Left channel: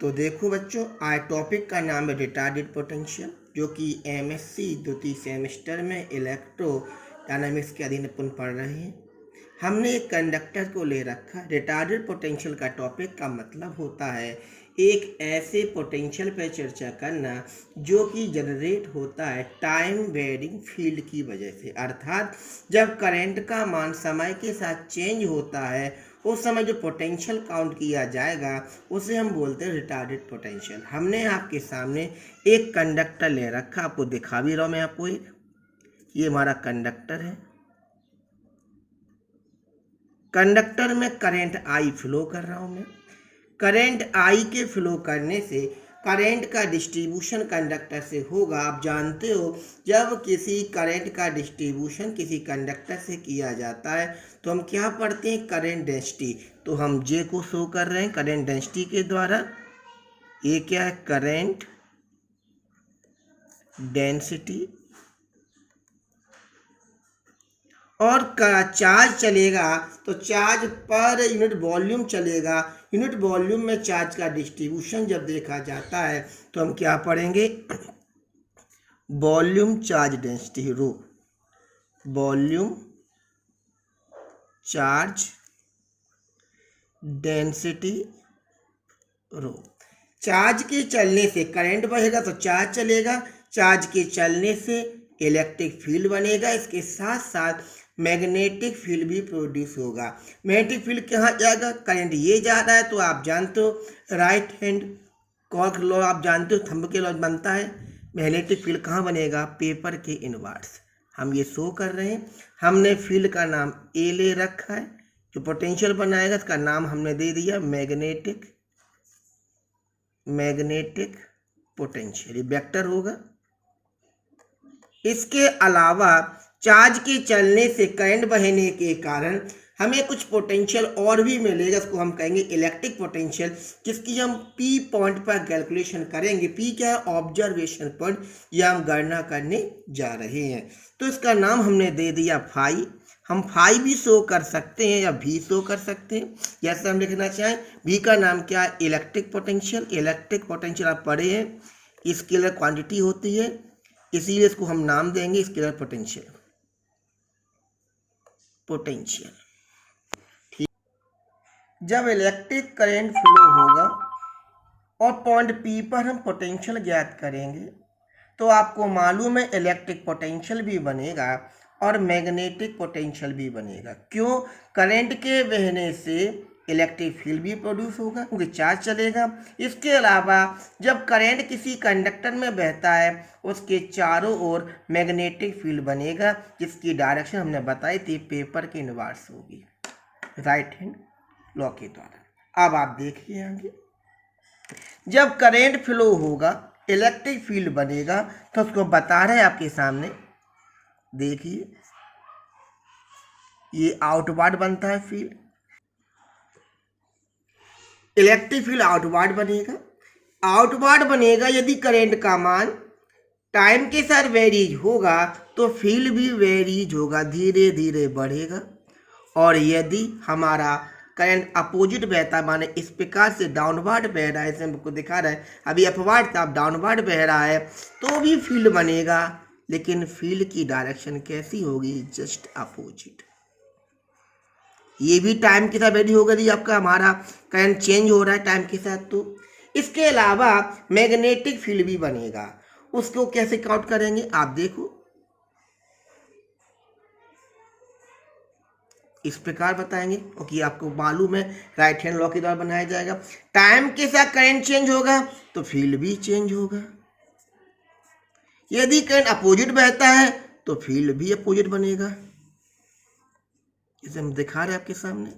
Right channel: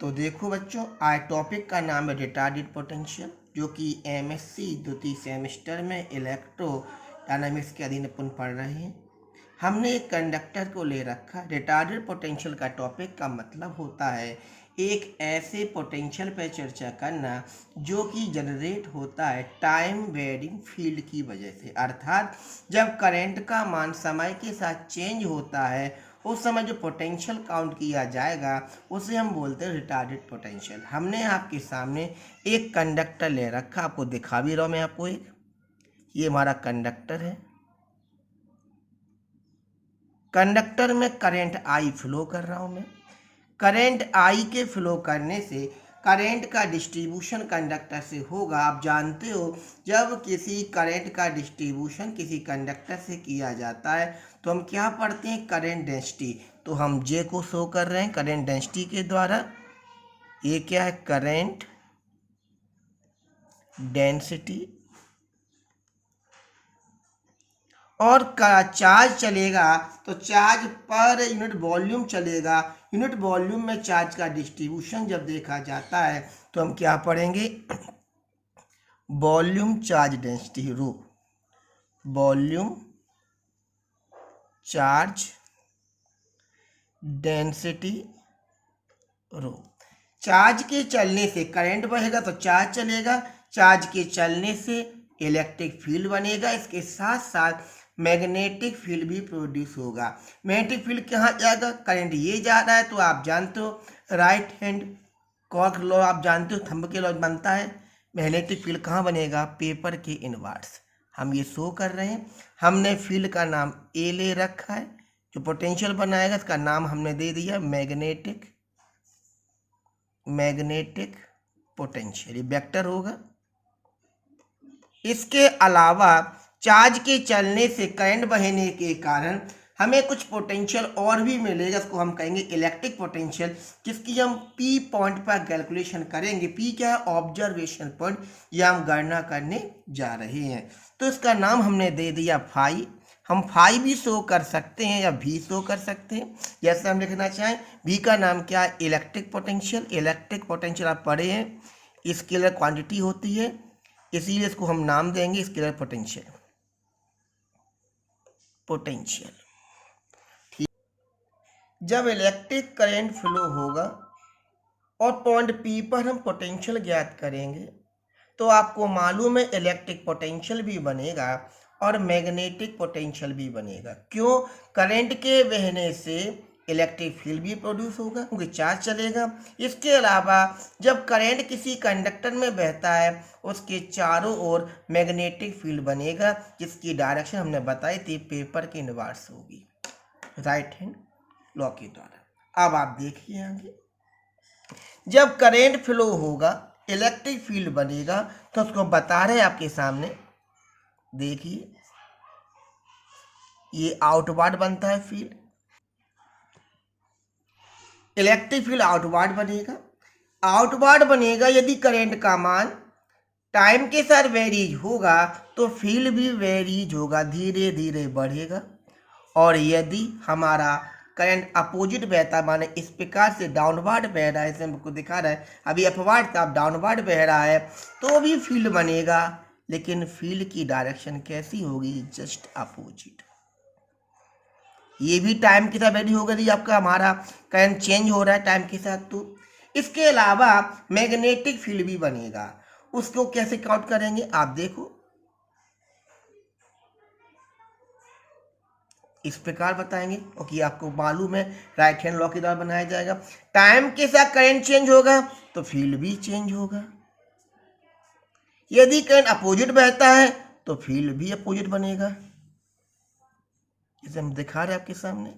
तो देखो बच्चों, आज टॉपिक का नाम है रिटार्डेड पोटेंशियल, जो कि एमएससी द्वितीय सेमेस्टर में इलेक्ट्रो डायनामिक्स के अधीन अपन पढ़ रहे हैं। हमने एक कंडक्टर को ले रखा। रिटार्डेड पोटेंशियल का टॉपिक का मतलब होता है एक ऐसे पोटेंशियल पर चर्चा करना जो कि जनरेट होता है टाइम वेरिंग फील्ड की वजह से, अर्थात जब करंट का मान समय के साथ चेंज होता है उस समय जो पोटेंशियल काउंट किया जाएगा उसे हम बोलते हैं रिटार्डेड पोटेंशियल। हमने आपके सामने एक कंडक्टर ले रखा, आपको दिखा भी रहा हूं मैं आपको। ये हमारा कंडक्टर है। कंडक्टर में करंट आई फ्लो कर रहा हूं मैं। करंट आई के फ्लो करने से करंट का डिस्ट्रीब्यूशन कंडक्टर से होगा। आप जानते हो, जब किसी करंट का डिस्ट्रीब्यूशन किसी कंडक्टर से किया जाता है तो हम क्या पढ़ते हैं, करंट डेंसिटी। तो हम जे को शो कर रहे हैं करंट डेंसिटी के द्वारा। ये क्या है, करंट डेंसिटी। और चार्ज चलेगा तो चार्ज पर यूनिट वॉल्यूम चलेगा। यूनिट वॉल्यूम में चार्ज का डिस्ट्रीब्यूशन जब देखा जाता है तो हम क्या पढ़ेंगे, वॉल्यूम चार्ज डेंसिटी, रो। वॉल्यूम चार्ज डेंसिटी, रो। चार्ज के चलने से करंट बहेगा तो चार्ज चलेगा। चार्ज के चलने से इलेक्ट्रिक फील्ड बनेगा। इसके साथ साथ मैग्नेटिक फील्ड भी प्रोड्यूस होगा। मैग्नेटिक फील्ड कहाँ जाएगा, करंट ये जा रहा है तो आप जानते हो राइट हैंड कॉर्क लॉ, आप जानते हो थंब के लॉ बनता है। मैग्नेटिक फील्ड कहाँ बनेगा, पेपर के इनवर्स। हम ये शो कर रहे हैं। हमने फील्ड का नाम ए ले रखा है। जो पोटेंशियल बनाएगा इसका नाम हमने दे दिया मैग्नेटिक पोटेंशियल, ये वेक्टर होगा। इसके अलावा चार्ज के चलने से करंट बहने के कारण हमें कुछ पोटेंशियल और भी मिलेगा, इसको हम कहेंगे इलेक्ट्रिक पोटेंशियल, जिसकी हम पी पॉइंट पर कैलकुलेशन करेंगे। पी क्या है, ऑब्जर्वेशन पॉइंट, या हम गणना करने जा रहे हैं। तो इसका नाम हमने दे दिया फाई। हम फाई भी शो कर सकते हैं या भी शो कर सकते हैं, जैसे हम लिखना चाहें। भी का नाम क्या है, इलेक्ट्रिक पोटेंशियल। इलेक्ट्रिक पोटेंशियल आप पढ़े हैं, स्केलर क्वांटिटी होती है, इसीलिए इसको हम नाम देंगे स्केलर पोटेंशियल। ठीक। जब इलेक्ट्रिक करंट फ्लो होगा और पॉइंट पी पर हम पोटेंशियल ज्ञात करेंगे तो आपको मालूम है इलेक्ट्रिक पोटेंशियल भी बनेगा और मैग्नेटिक पोटेंशियल भी बनेगा। क्यों, करंट के बहने से इलेक्ट्रिक फील्ड भी प्रोड्यूस होगा क्योंकि चार्ज चलेगा। इसके अलावा जब करंट किसी कंडक्टर में बहता है उसके चारों ओर मैग्नेटिक फील्ड बनेगा, जिसकी डायरेक्शन हमने बताई थी पेपर के इनवर्स होगी, राइट हैंड लॉ के द्वारा। अब आप देखिए आगे, जब करंट फ्लो होगा इलेक्ट्रिक फील्ड बनेगा, तो उसको बता रहे हैं आपके सामने। देखिए, ये आउटवर्ड बनता है फील्ड, इलेक्ट्रिक फील्ड आउटवर्ड बनेगा। आउटवर्ड बनेगा यदि करंट का मान टाइम के साथ वेरीज होगा तो फील्ड भी वेरीज होगा, धीरे धीरे बढ़ेगा। और यदि हमारा करंट अपोजिट बहता, माने इस प्रकार से डाउनवर्ड बह रहा है, जैसे हमको दिखा रहा है अभी अपवर्ड था, अब डाउनवर्ड बह रहा है, तो भी फील्ड बनेगा। लेकिन फील्ड की डायरेक्शन कैसी होगी, जस्ट अपोजिट। ये भी टाइम के साथ वेरी होगा, यदि आपका हमारा करंट चेंज हो रहा है टाइम के साथ तो। इसके अलावा मैग्नेटिक फील्ड भी बनेगा। उसको कैसे काउंट करेंगे, आप देखो इस प्रकार बताएंगे, क्योंकि आपको मालूम है राइट हैंड लॉ के द्वारा बनाया जाएगा। टाइम के साथ करंट चेंज होगा तो फील्ड भी चेंज होगा। यदि करंट अपोजिट बहता है तो फील्ड भी अपोजिट बनेगा, इसे हम दिखा रहे हैं आपके सामने।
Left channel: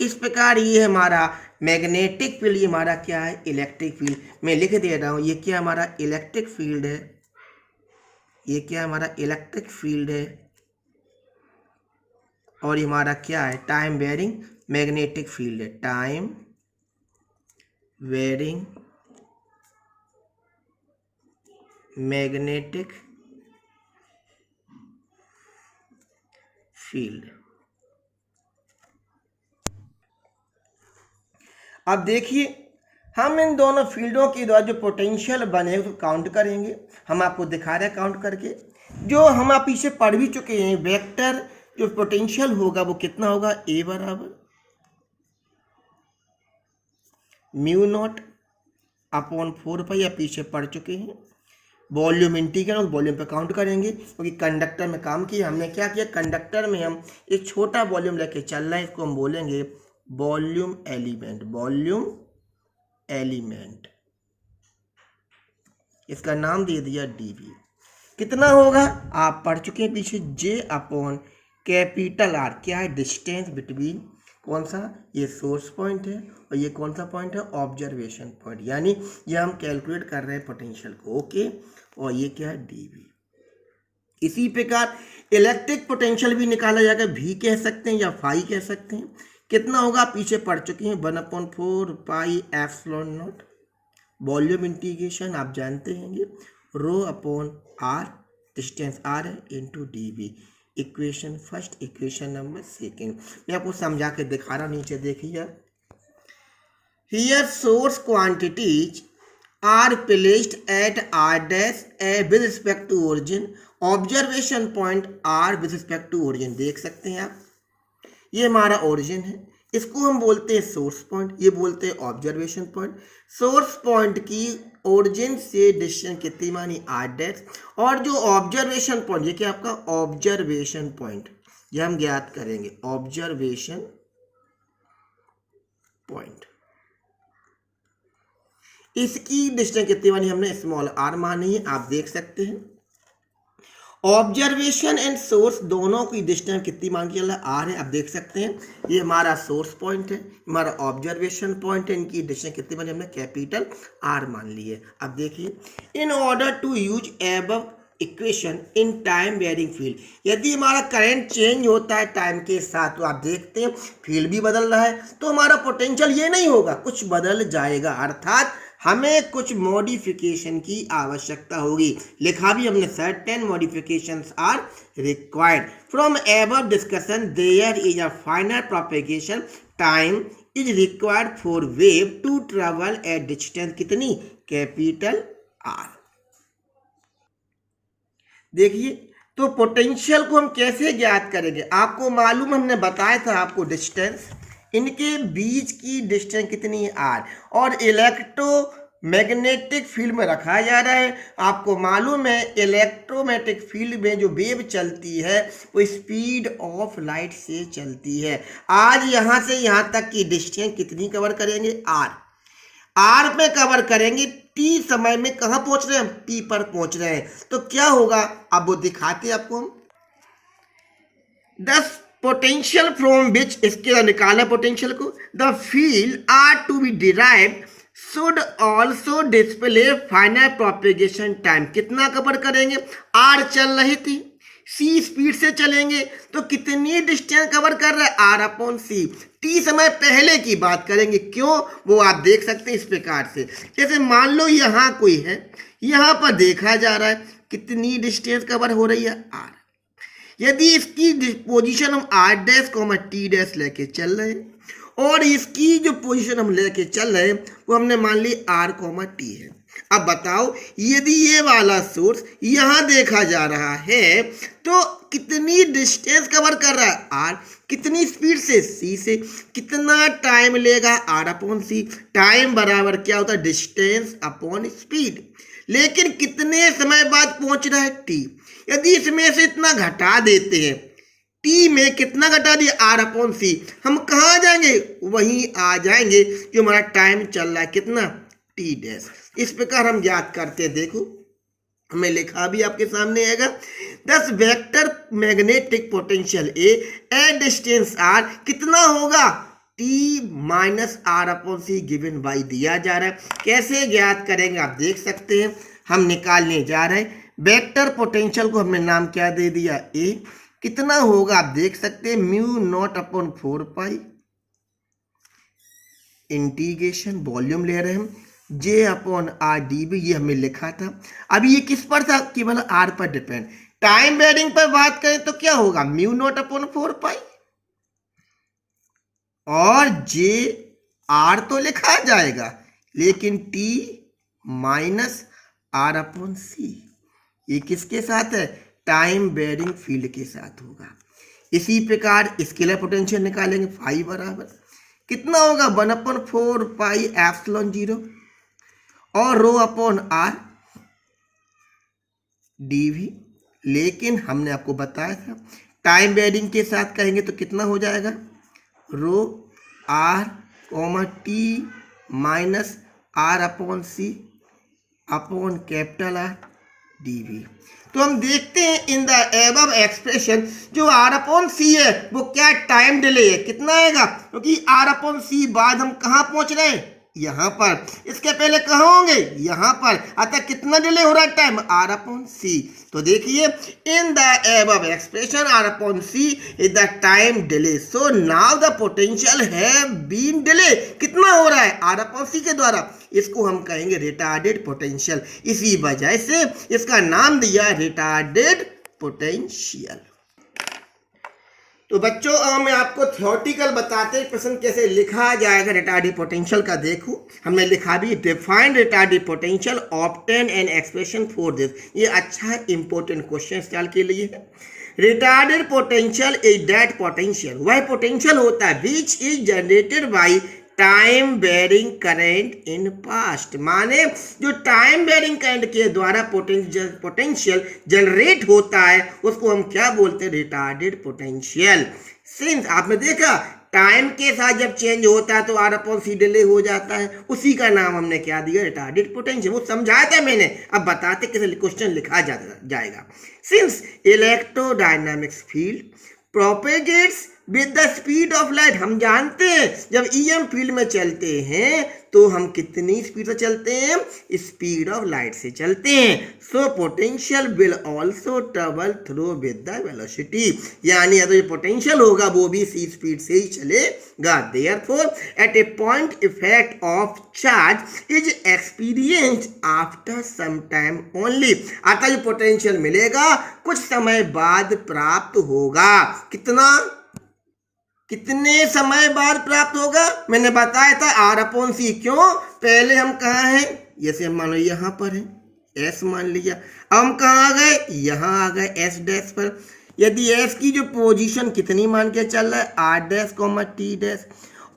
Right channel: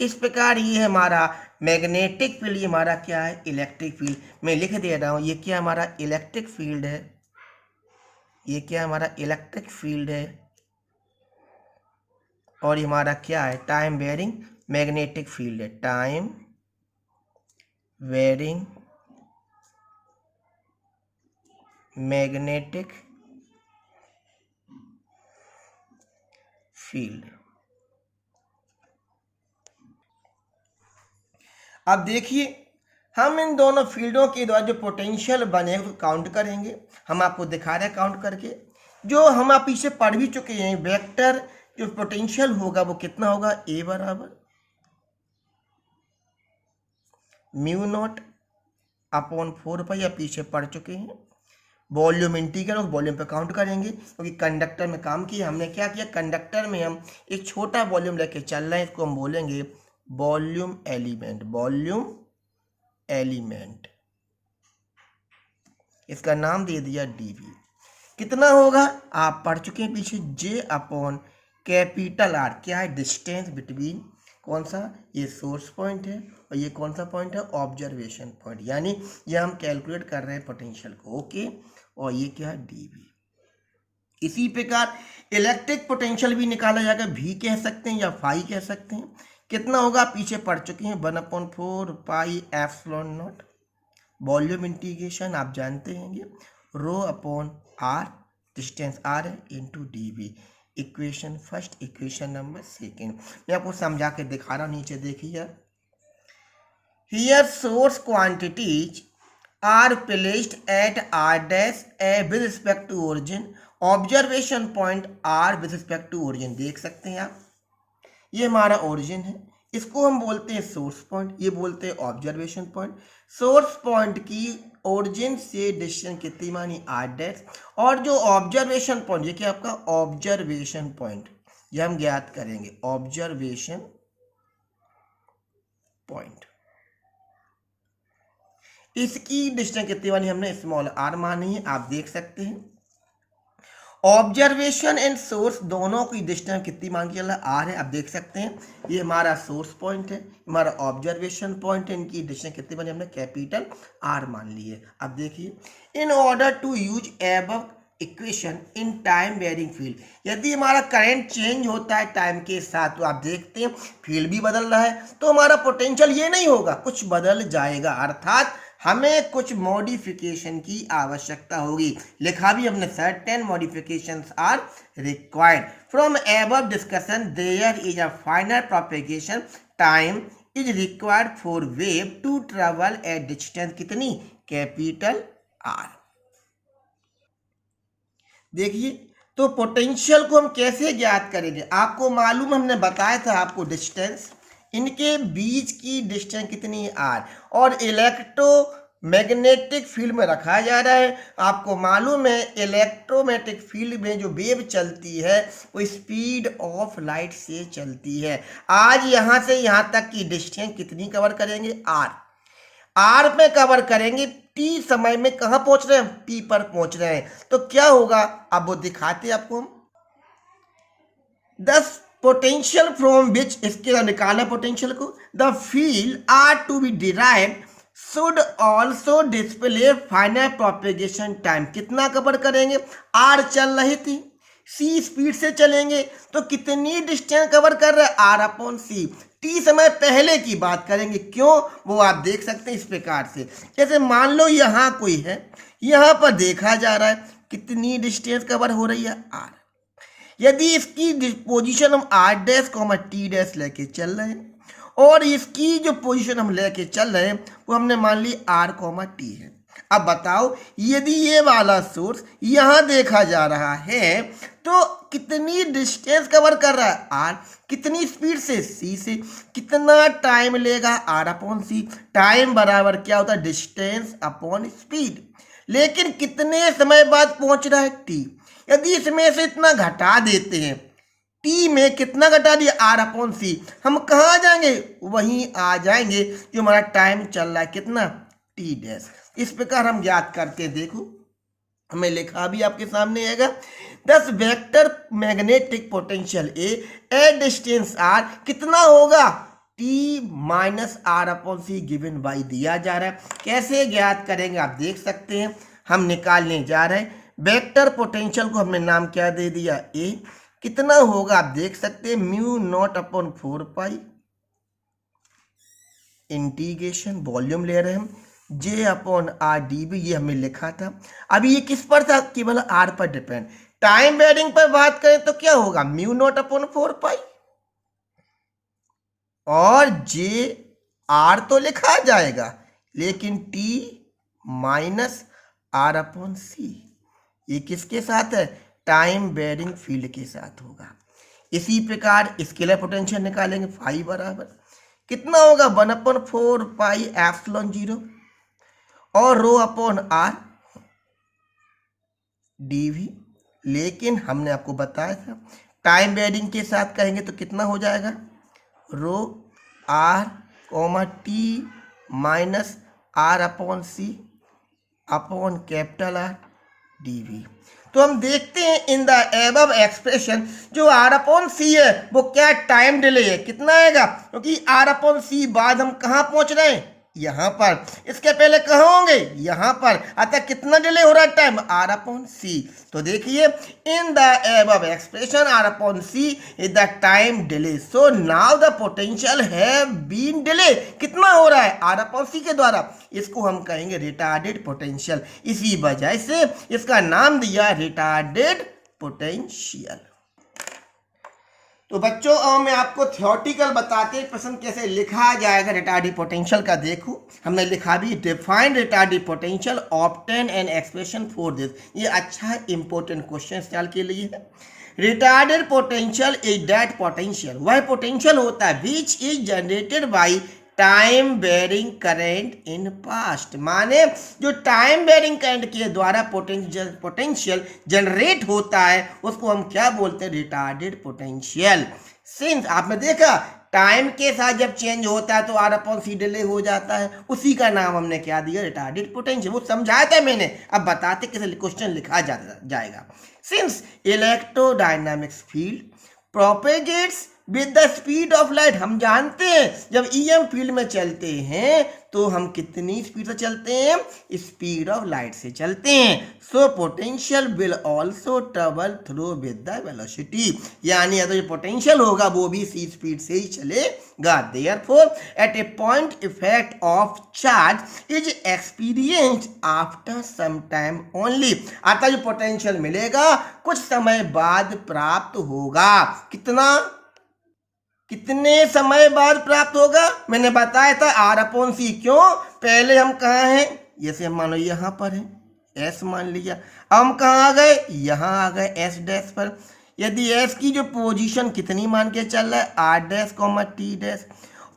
इस प्रकार ये हमारा मैग्नेटिक फील्ड, ये हमारा क्या है, इलेक्ट्रिक फील्ड। मैं लिख दे रहा हूं, ये क्या हमारा इलेक्ट्रिक फील्ड है, ये क्या हमारा इलेक्ट्रिक फील्ड है। और हमारा क्या है, टाइम वेरिंग मैग्नेटिक फील्ड है, टाइम वेरिंग मैग्नेटिक फील्ड। अब देखिए, हम इन दोनों फील्डों के द्वारा जो पोटेंशियल बने उसको काउंट करेंगे। हम आपको दिखा रहे हैं काउंट करके, जो हम आप इसे पढ़ भी चुके हैं। वेक्टर जो पोटेंशियल होगा वो कितना होगा, ए बराबर म्यू नॉट अपॉन 4 पाई, आप पीछे पढ़ चुके हैं। वॉल्यूम इंटीग्रल, वॉल्यूम पे काउंट करेंगे क्योंकि कंडक्टर में काम किया हमने। क्या किया, कंडक्टर में हम एक छोटा वॉल्यूम लेके चल रहे हैं, इसको हम बोलेंगे वॉल्यूम एलिमेंट। वॉल्यूम एलिमेंट, इसका नाम दे दिया डीवी। कितना होगा आप पढ़ चुके हैं पीछे, जे अपॉन कैपिटल आर। क्या है, डिस्टेंस बिटवीन, कौन सा, ये सोर्स पॉइंट है और ये कौन सा पॉइंट है, ऑब्जर्वेशन पॉइंट। यानी ये हम कैलकुलेट कर रहे हैं पोटेंशियल को, ओके। और ये क्या है, डीवी। इसी प्रकार इलेक्ट्रिक पोटेंशियल भी निकाला जाएगा, भी कह सकते हैं या फाई कह सकते हैं। कितना होगा, पीछे पढ़ चुके हैं, 1/4 pi epsilon naught. Volume integration आप जानते हैं, rho upon R, distance R है, into dV. Equation first, equation number second. मैं आपको समझा के दिखा रहा हूँ, नीचे देखिए। Here source quantities are placed at R dash A with respect to origin, observation point R with respect to origin. देख सकते हैं आप, ये हमारा ओरिजिन है, इसको हम बोलते हैं सोर्स पॉइंट, ये बोलते हैं ऑब्जर्वेशन पॉइंट। सोर्स पॉइंट की ओरिजिन से डिस्टेंस कितनी मानी, आर डैश, और जो ऑब्जर्वेशन पॉइंट, ये क्या आपका ऑब्जर्वेशन पॉइंट, ये हम ज्ञात करेंगे, ऑब्जर्वेशन पॉइंट। इसकी डिस्टेंस कितनी मानी हमने, स्मॉल आर मानी है, आप देख सकते हैं। ऑब्जर्वेशन एंड सोर्स दोनों की डिस्टेंस कितनी मान के चला, आर है, आप देख सकते हैं। ये हमारा सोर्स पॉइंट है, हमारा ऑब्जर्वेशन पॉइंट है, इनकी डिस्टेंस कितनी मानी हमने, कैपिटल आर मान ली है। अब देखिए, in order to use above equation in time varying field, यदि हमारा करंट चेंज होता है टाइम के साथ, तो आप देखते हैं फील्ड भी बदल रहा है, तो हमारा पोटेंशियल ये नहीं होगा, कुछ बदल जाएगा, अर्थात हमें कुछ मॉडिफिकेशन की आवश्यकता होगी। लिखा भी हमने, certain modifications are required from above discussion, there is a final propagation time is required for wave to travel at distance कितनी, कैपिटल आर। देखिए, तो पोटेंशियल को हम कैसे ज्ञात करेंगे, आपको मालूम, हमने बताया था आपको डिस्टेंस, इनके बीच की डिस्टेंस कितनी है, आर, और इलेक्ट्रोमैग्नेटिक फील्ड में रखा जा रहा है। आपको मालूम है इलेक्ट्रोमैग्नेटिक फील्ड में जो वेव चलती है वो स्पीड ऑफ लाइट से चलती है। आज यहाँ से यहाँ तक की डिस्टेंस कितनी कवर करेंगे, आर। आर में कवर करेंगे, टी समय में कहाँ पहुंच रहे हैं, टी पर पहुंच रहे हैं। तो क्या होगा, अब वो दिखाते हैं आपको हम। 10 पोटेंशियल फ्रॉम विच, इसके निकाला पोटेंशियल को, the field are to be derived should also display final propagation time. कितना कवर करेंगे, आर चल रही थी, सी स्पीड से चलेंगे, तो कितनी डिस्टेंस कवर कर रहे हैं, आर अपॉन सी। टी समय पहले की बात करेंगे, क्यों, वो आप देख सकते हैं इस प्रकार से। जैसे मान लो यहाँ कोई है, यहाँ पर देखा जा रहा है कितनी डिस्टेंस कवर हो रही है, आर। यदि इसकी पोजीशन हम R dash comma t dash लेके चल रहे हैं, और इसकी जो पोजीशन हम लेके चल रहे हैं वो हमने मान ली आर कॉमा टी है। अब बताओ, यदि ये वाला सोर्स यहाँ देखा जा रहा है तो कितनी डिस्टेंस कवर कर रहा है, आर, कितनी स्पीड से, सी से, कितना टाइम लेगा, आर अपॉन सी। टाइम बराबर क्या होता है, डिस्टेंस अपॉन स्पीड। लेकिन कितने समय बाद पहुंच रहा है, टी। यदि इसमें से इतना घटा देते हैं, टी में कितना घटा दिया, आर अपॉन सी, हम कहाँ जाएंगे, वहीं आ जाएंगे जो हमारा टाइम चल रहा है, कितना, टी डैश। इस प्रकार हम ज्ञात करते हैं। देखो, हमें लिखा भी आपके सामने आएगा, 10 vector magnetic potential A distance R कितना होगा, t minus R upon c given by दिया जा रहा है। कैसे ज्ञात करेंगे आप देख सकते हैं, हम निकालने जा रहे हैं। वेक्टर पोटेंशियल को हमने नाम क्या दे दिया, ए। कितना होगा आप देख सकते हैं, mu naught upon 4 pi integration, volume ले रहे हैं हम, J upon R d b, ये हमें लिखा था। अभी ये किस पर था, केवल आर पर डिपेंड। टाइम वेरिंग पर बात करें तो क्या होगा, म्यू नॉट अपॉन 4 पाई, और जे आर तो लिखा जाएगा, लेकिन टी माइनस आर अपॉन सी ये किसके साथ है? टाइम बेरिंग फील्ड के साथ होगा। इसी प्रकार स्केलर पोटेंशियल निकालेंगे, फाई बराबर कितना होगा? 1/4 पाई एप्सिलॉन 0 और रो अपॉन आर dv। लेकिन हमने आपको बताया था टाइम बेरिंग के साथ कहेंगे तो कितना हो जाएगा? Rho R comma T minus R upon C upon capital R dv। तो हम देखते हैं इन द एबव एक्सप्रेशन जो आर अपॉन सी है वो क्या टाइम डिले है, कितना आएगा? क्योंकि आर अपॉन सी बाद हम कहाँ पहुंच रहे हैं? यहाँ पर। इसके पहले कहाँ होंगे? यहाँ पर। अतः कितना डिले हो रहा है टाइम? Are upon c. तो देखिए in the above expression R upon c is the time delay, so now the potential have been delay. कितना हो रहा है? आर अपॉन सी के द्वारा। इसको हम कहेंगे रिटार्डेड पोटेंशियल, इसी वजह से इसका नाम दिया रिटार्डेड पोटेंशियल। तो बच्चों अब मैं आपको थ्योरेटिकल बताते हैं प्रश्न कैसे लिखा जाएगा रिटार्डेड पोटेंशियल का। देखो हमने लिखा भी define retarded potential, obtain an expression for this. ये अच्छा इंपॉर्टेंट क्वेश्चन साल के लिए है। Retarded potential is that potential, वह पोटेंशियल होता है which is generated by time varying current in past. माने जो टाइम बेरिंग करंट के द्वारा पोटेंशियल जनरेट होता है उसको हम क्या बोलते हैं? Retarded potential. सिंस आपने देखा टाइम के साथ जब चेंज होता है तो आर अपॉन सी डिले हो जाता है, उसी का नाम हमने क्या दिया? Retarded potential. वो समझाया था मैंने, अब बताते कैसे क्वेश्चन लिखा जाएगा। Since electrodynamics field propagates with the speed of light, हम जानते हैं जब ईएम फील्ड में चलते हैं तो हम कितनी स्पीड से चलते हैं? स्पीड ऑफ लाइट से चलते हैं। So potential will also travel through with the velocity, यानी अगर जो पोटेंशियल होगा वो भी इसी स्पीड से ही चलेगा। Therefore at a point effect of charge is experienced after some time only. आता जो पोटेंशियल मिलेगा कुछ समय बाद प्राप्त होगा। कितने समय बाद प्राप्त होगा? मैंने बताया था आर अपॉन सी। क्यों? पहले हम कहाँ हैं? जैसे हम मानो यहाँ पर हैं, एस मान लिया। अब हम कहाँ आ गए? यहाँ आ गए एस डैश पर। यदि एस की जो पोजीशन कितनी मान के चल रहा है? R dash comma t dash,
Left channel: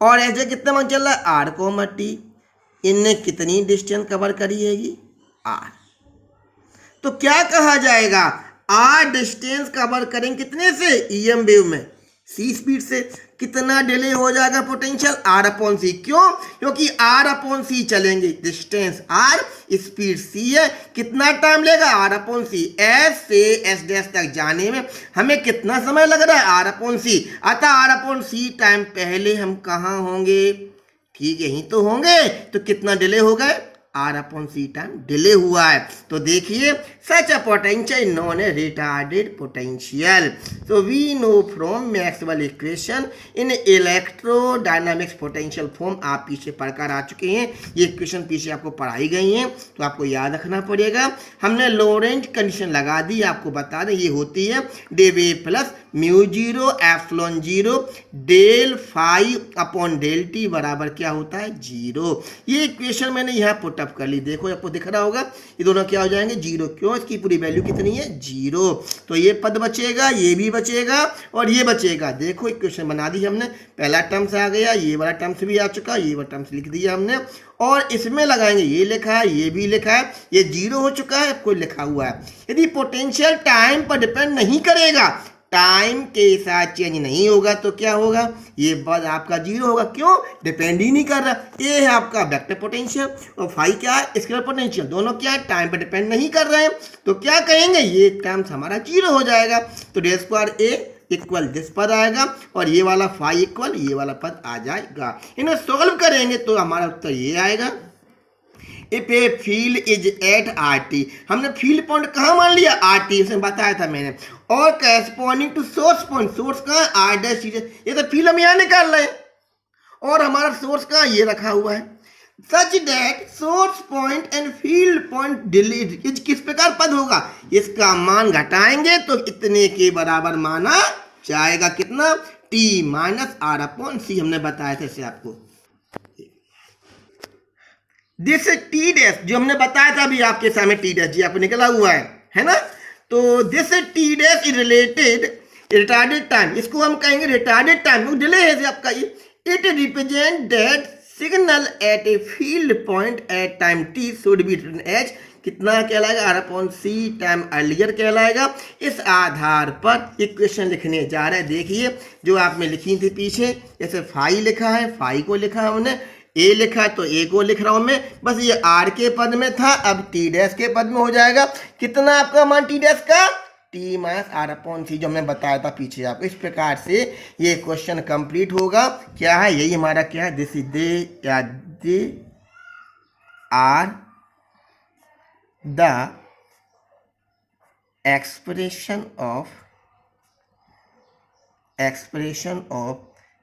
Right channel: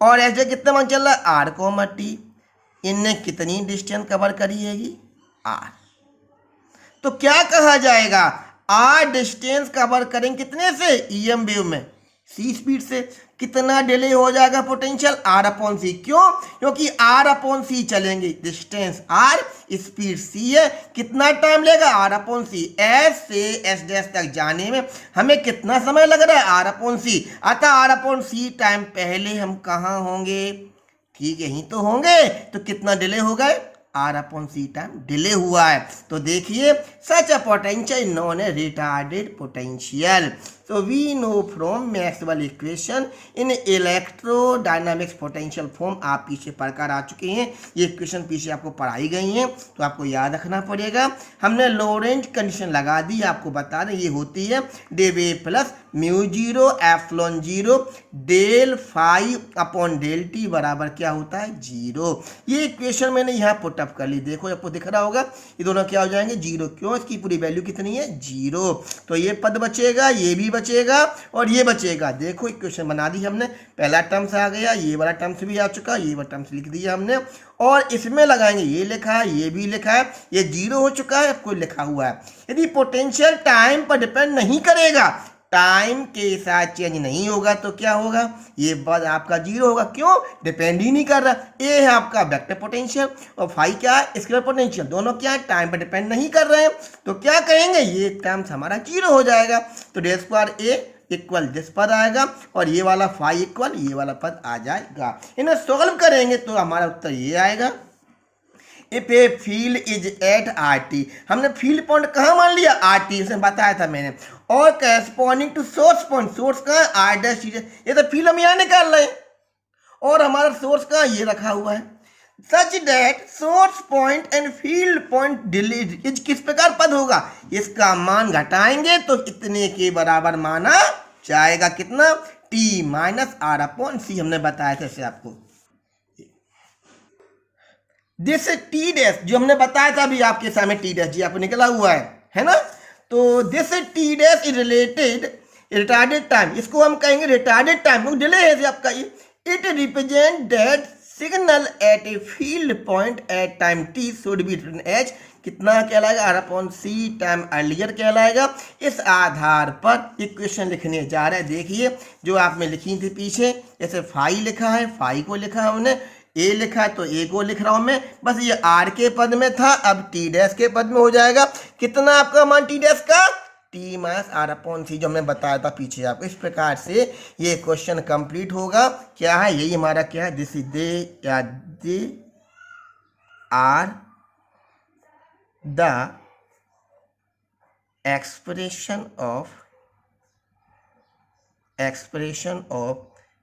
और एस डैश कितना मान चल रहा है? R comma t. इनने कितनी डिस्टेंस कवर करी हैगी? आर। तो क्या कहा जाएगा? आर डिस्टेंस कवर करेंगे कितने से? ईएम वेव में सी स्पीड से। कितना डिले हो जाएगा पोटेंशियल? आर अपॉन सी। क्यों? क्योंकि आर अपॉन सी चलेंगे, डिस्टेंस आर, स्पीड सी है। कितना टाइम लेगा? R upon c. एस से एस डैश तक जाने में हमें कितना समय लग रहा है? R upon c. अतः आर अपॉन सी टाइम पहले हम कहाँ होंगे? ठीक यहीं तो होंगे। तो कितना डिले हो गए? R upon C time delay हुआ है। तो देखिए such a potential known a retarded potential. So we know from Maxwell equation in electrodynamics potential form। आप पीछे पढ़कर आ चुके हैं, ये इक्वेशन पीछे आपको पढ़ाई गई हैं तो आपको याद रखना पड़ेगा। हमने लोरेंट कंडीशन लगा दी, आपको बता दें ये होती है डेवे plus mu zero epsilon zero del phi upon del T बराबर क्या होता है? जीरो। ये इक्वेशन मैंने यहाँ पुटअप कर ली, देखो आपको दिख रहा होगा ये दोनों क्या हो जाएंगे? जीरो। क्यों? इसकी पूरी वैल्यू कितनी है? जीरो। तो ये पद बचेगा, ये भी बचेगा और ये बचेगा। देखो इक्वेशन बना दी हमने, पहला टर्म्स आ गया, ये वाला टर्म्स भी आ चुका, ये वाला टर्म्स लिख दिया हमने, और इसमें लगाएंगे ये लिखा है, ये भी लिखा है, ये जीरो हो चुका है, कोई लिखा हुआ है। यदि पोटेंशियल टाइम पर डिपेंड नहीं करेगा, टाइम के साथ चेंज नहीं होगा तो क्या होगा? ये बस आपका जीरो होगा। क्यों? डिपेंड ही नहीं कर रहा। ये है आपका वेक्टर पोटेंशियल और फाई क्या है? Scalar potential. दोनों क्या है? टाइम पर डिपेंड नहीं कर रहे हैं। तो क्या कहेंगे? ये टर्म्स हमारा जीरो हो जाएगा। तो day square A equal this पद आएगा और ये वाला फाई इक्वल ये वाला पद आ जाएगा। इन्हें सॉल्व करेंगे तो हमारा उत्तर ये आएगा। If a field is at R t, हमने फील्ड पॉइंट कहाँ मान लिया? आर टी, उसने बताया था मैंने। और corresponding to source point, source कहाँ है? R dash. ये तो फील्ड हम यहाँ निकाल रहे हैं और हमारा सोर्स कहाँ? ये रखा हुआ है। Such that source point and field point delete is किस प्रकार पद होगा? इसका मान घटाएंगे तो इतने के बराबर माना जाएगा। कितना? टी माइनस आर अपॉन सी। हमने बताया था इसे आपको। दिस टी डैश जो हमने बताया था अभी आपके सामने टी डैश जी आपको निकला हुआ है ना। तो this t dash is related retarded time, इसको हम कहेंगे रिटार्डेड टाइम, डिले है आपका ये। It represent that signal at a field point at time t should be written as कितना कहलाएगा, R/C टाइम अर्लियर कहलाएगा। इस आधार पर इक्वेशन लिखने जा रहे हैं। देखिए जो आपने लिखी थी पीछे, जैसे फाई लिखा है, फाई को लिखा है हमने, ए लिखा है तो ए को लिख रहा हूं मैं, बस ये आर के पद में था, अब टी डैश के पद में हो जाएगा। कितना आपका मान टी डैश का, टी माइनस R/C जो हमने बताया था पीछे आपको। इस प्रकार से ये क्वेश्चन कंप्लीट होगा। क्या है, यही हमारा क्या है, this is they are the expression of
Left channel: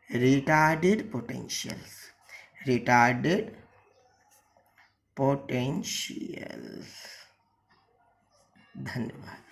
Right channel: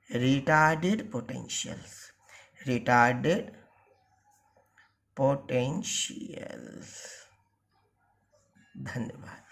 retarded potentials, धन्यवाद।